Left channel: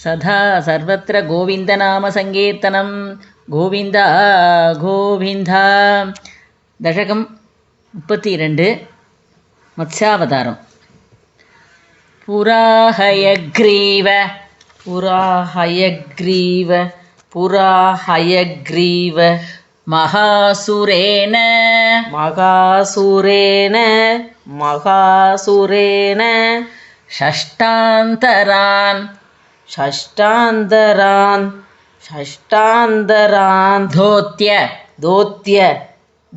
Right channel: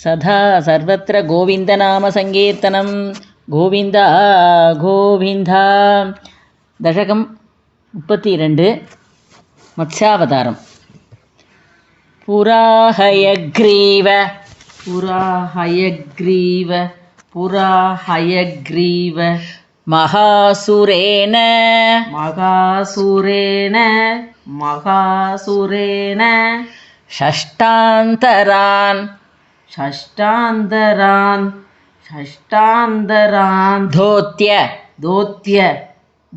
सदा सर्वत्र गोविन्दनामसङ्कीर्तनं गोविन्द गोविन्द दशकं 32 मत्स्यावतारं पुराहयग्रीव महासुरेण षष्टान्तरान्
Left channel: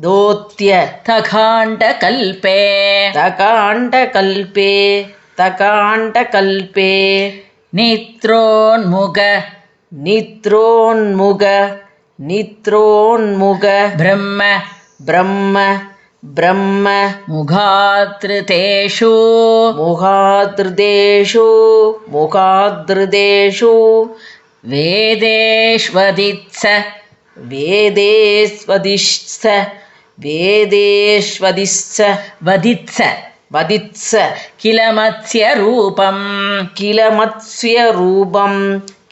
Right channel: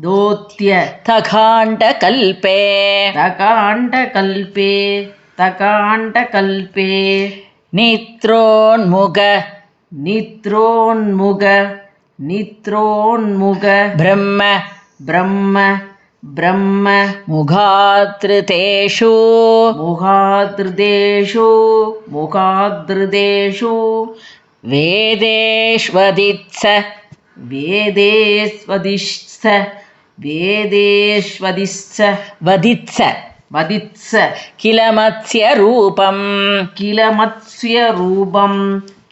धोत्य तकाण्डकल्पे नित्रोन्मुग ब्रह्म मुखादृतेषु वदित्स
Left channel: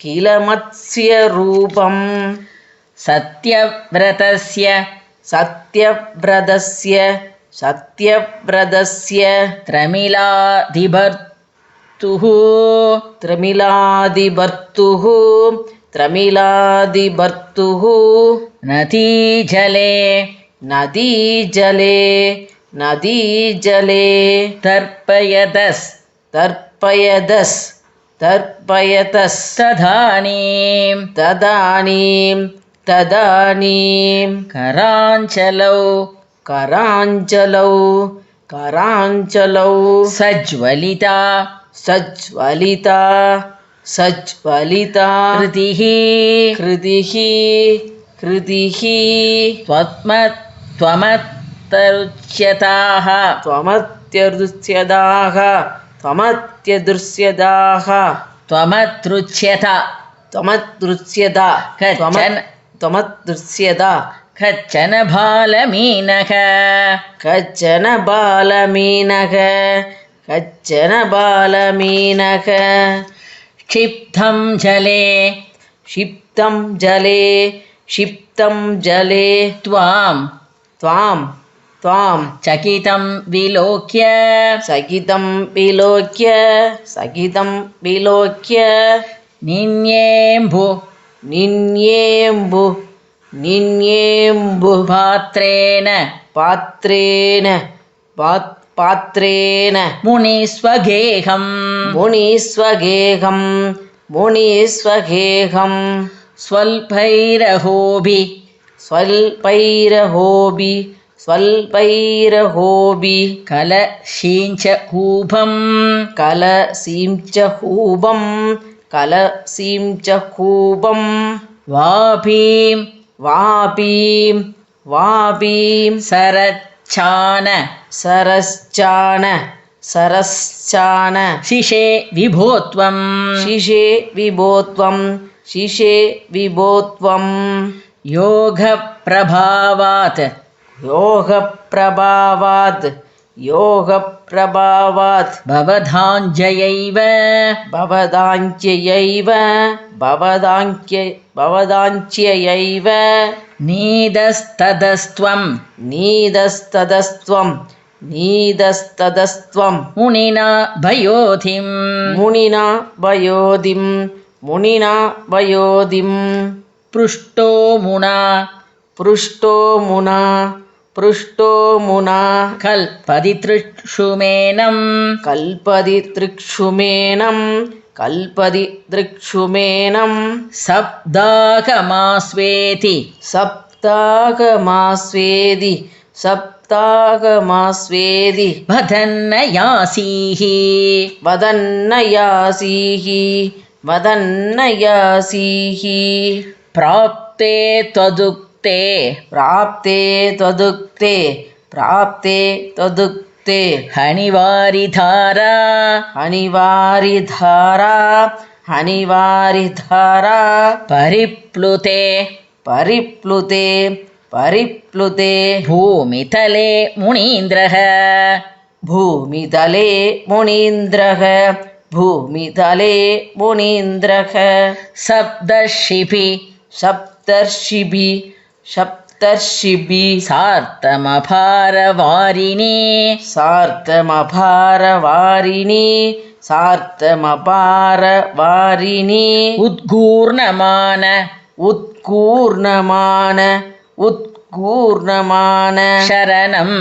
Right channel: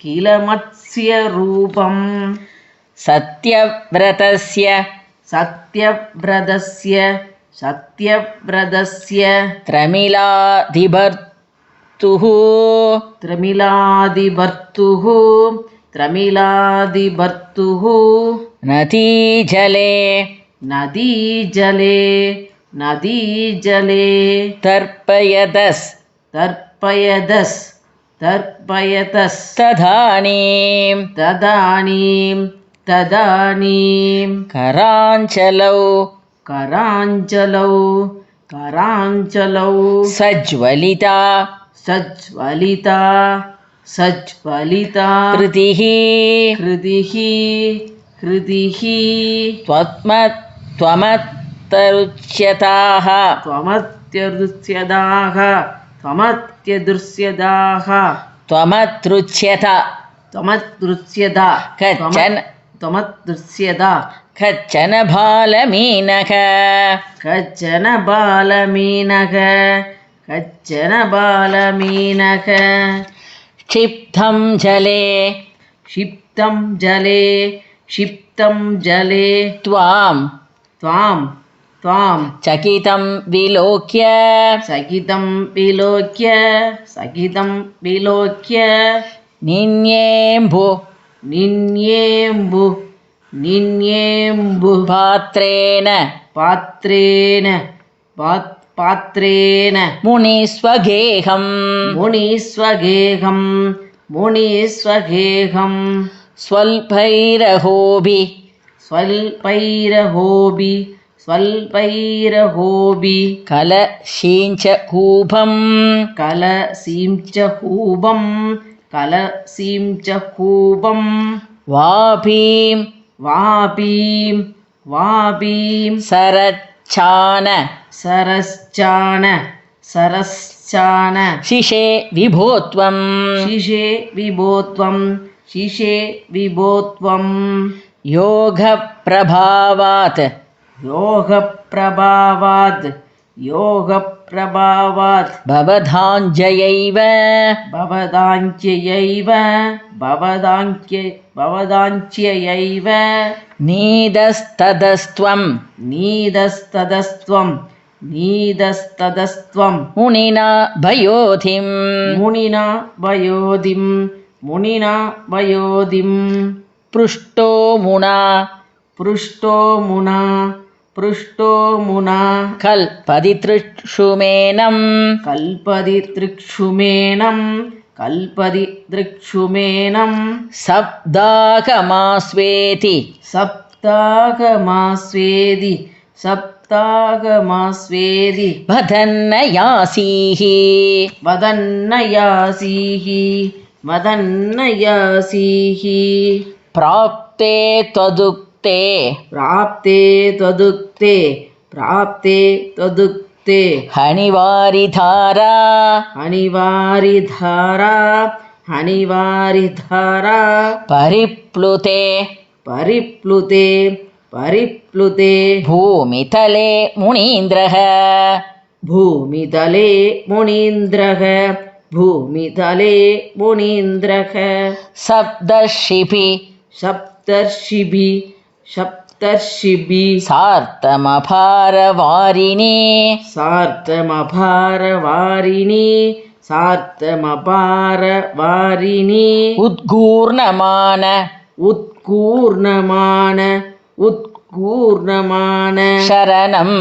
किल मत्स्यरूपं सत्यव्रतस्य त्रमिलादिभर्तुः नदीजले तर्पयतस् तदानीं कराञ्चलौ सज्वलिता कृतिः त्वमतृच्यता कच्चन बालमीनः क्षिप्तं जले त्वां चकितं विलोक्य निन्येम्बु पात्रेण मुनिस्वगेहं स्वल्पैरहोभि कलशींच कूपं वापीं सरश्चान शिशे विभोत्वं योगप्रभावात् भवदाञ्जयैव नीदस्तदस्त्वं मुनिना भयोधिं पृष्टो मुना कल्पदि तृक्षुमेनं सप्ताहमास्वेति वदन्नयासीः प्राप्ते त्वदुक्ते हनिवारिधारा परिप्लुते भूमितले मुनीन्द्रः भूमितले मुनीन्द्रः सप्तर्षिभिः सार्तमपारवारिणी उत्कूर्णमान शरणं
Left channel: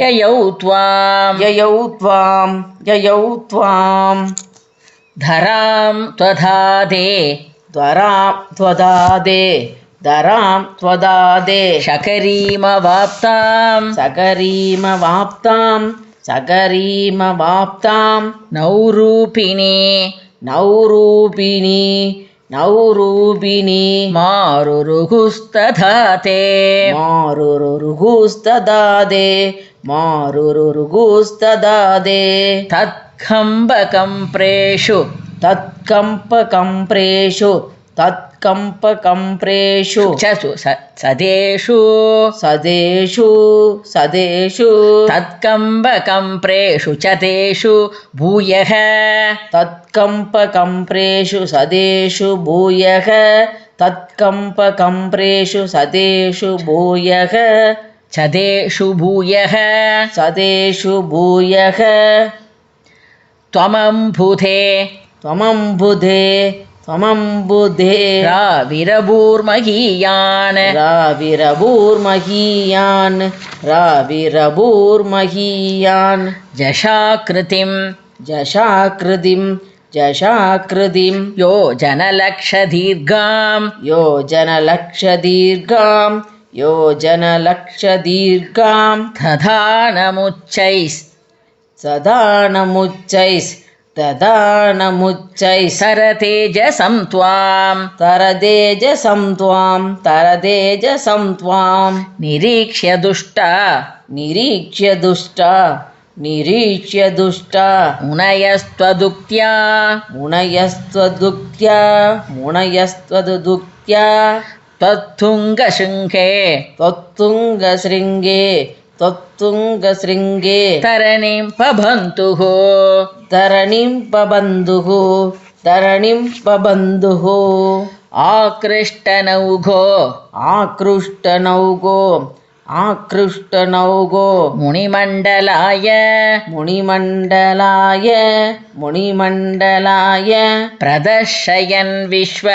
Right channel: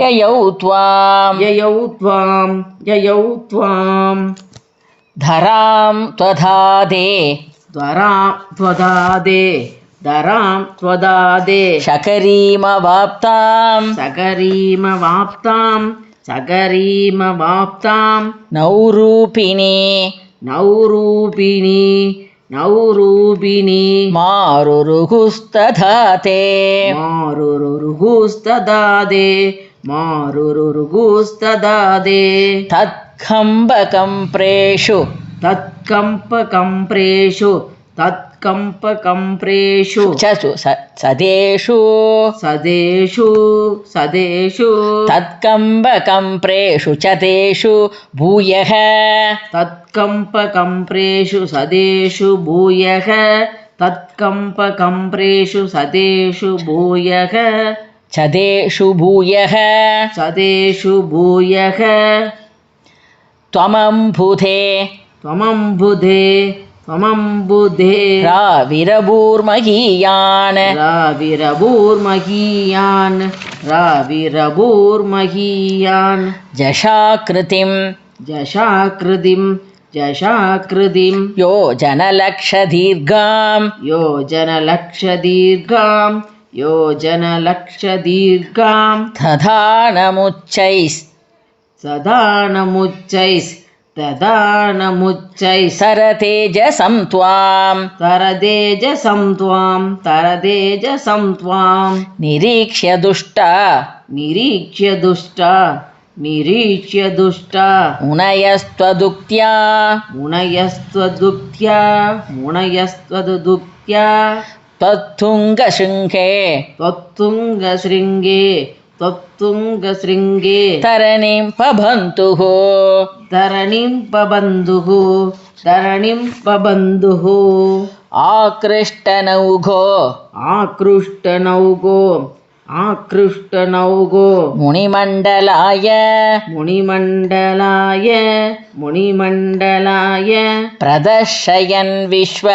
ययौ त्वां धरां त्वदादे शकरीमवाप्तां नौरूपिणी मारुरुगुस्तदाते तत्कम्पकम्प्रेषु सदेषु तत्कम्पकम्प्रेषु चतेषु भूयः चदेषु भूयः त्वमम्बुधे राविरभूर्महीयान् जशाकृतिं योजनलक्षदीर्घां दधानमुच्चैः तरतेजसं त्वां निरीक्ष्य दुष्टा मुनयस्त्वदुक्त्या त्वत्तुङ्गशृङ्गे तरणिं पबन्धुः आकृष्टनौगो मुनिमण्डलाय प्रदर्शयन् विश्व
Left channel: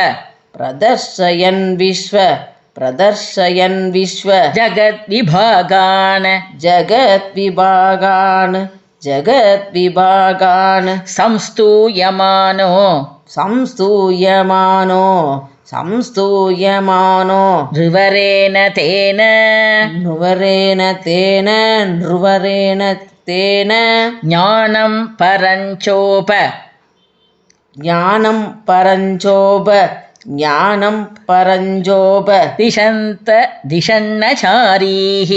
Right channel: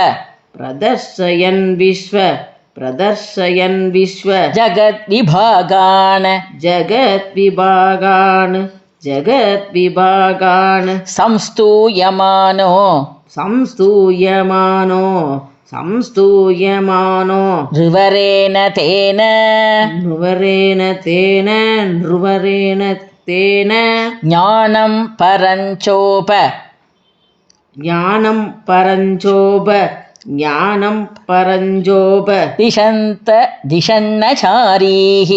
जगद्विभागान् संस्तूयमानो नृवरेण तेन ज्ञानं परञ्चोप दिशन्नचारीः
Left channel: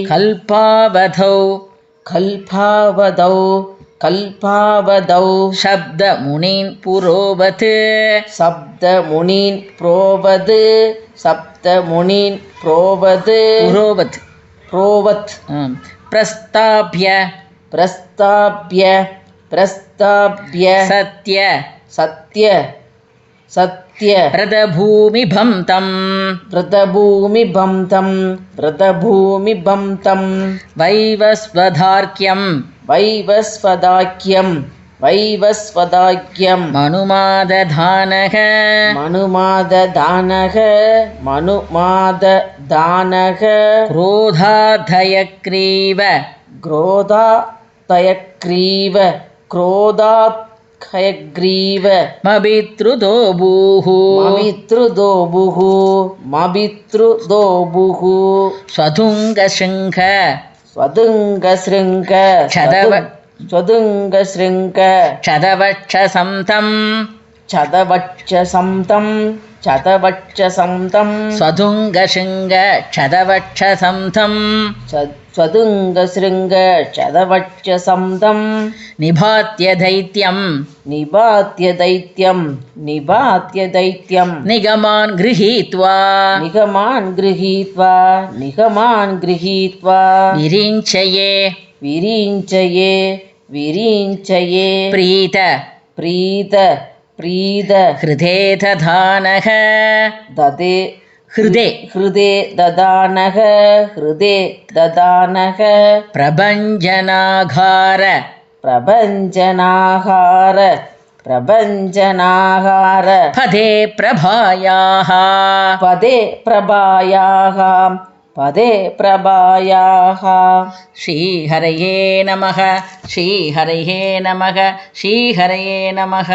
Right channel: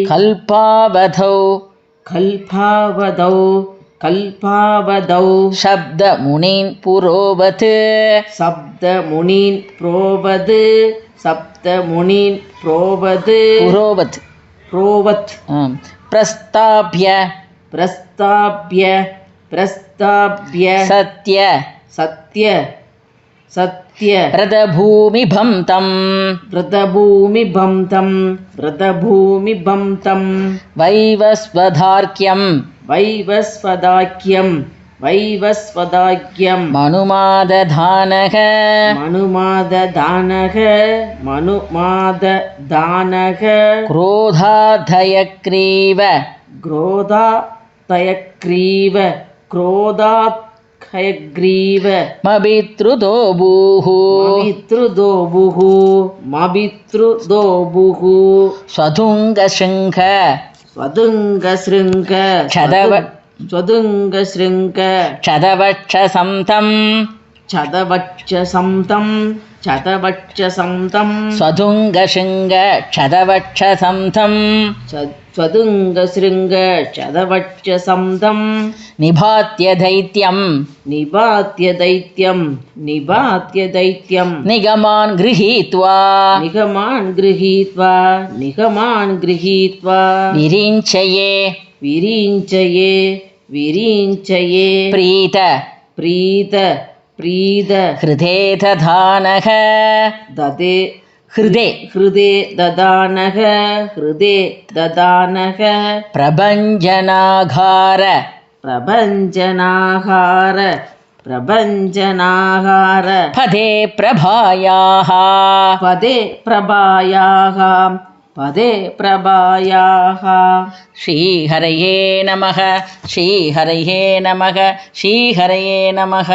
कल्पावधौ शब्दमुनीन् पुरोवत् प्रस्ताभ्य सत्य व्रतभूमिभं तं वैवस्वदाख्यं मनुमादधानः क्रोधाधयग्रीव मभितृदोभूः स्वधुङ्गशृङ्ख चदवक्षसं तं स्वधुङ्गशृङ्ग चदवक्षसं तं स्वदुङ्गशृङ्ग शतवक्षसंदं निभात्य दैत्यं निपात्य दैत्यं निगमान् गृहीत्वा निगमान् गृहीत्वा विरिञ्चये प्रीत हृदे ददानः हृदे ददानः प्रभञ्जनाघार पदे प्रभायाः श्रीहरये नमः श्रीहरये नमः श्रीहरये नमः।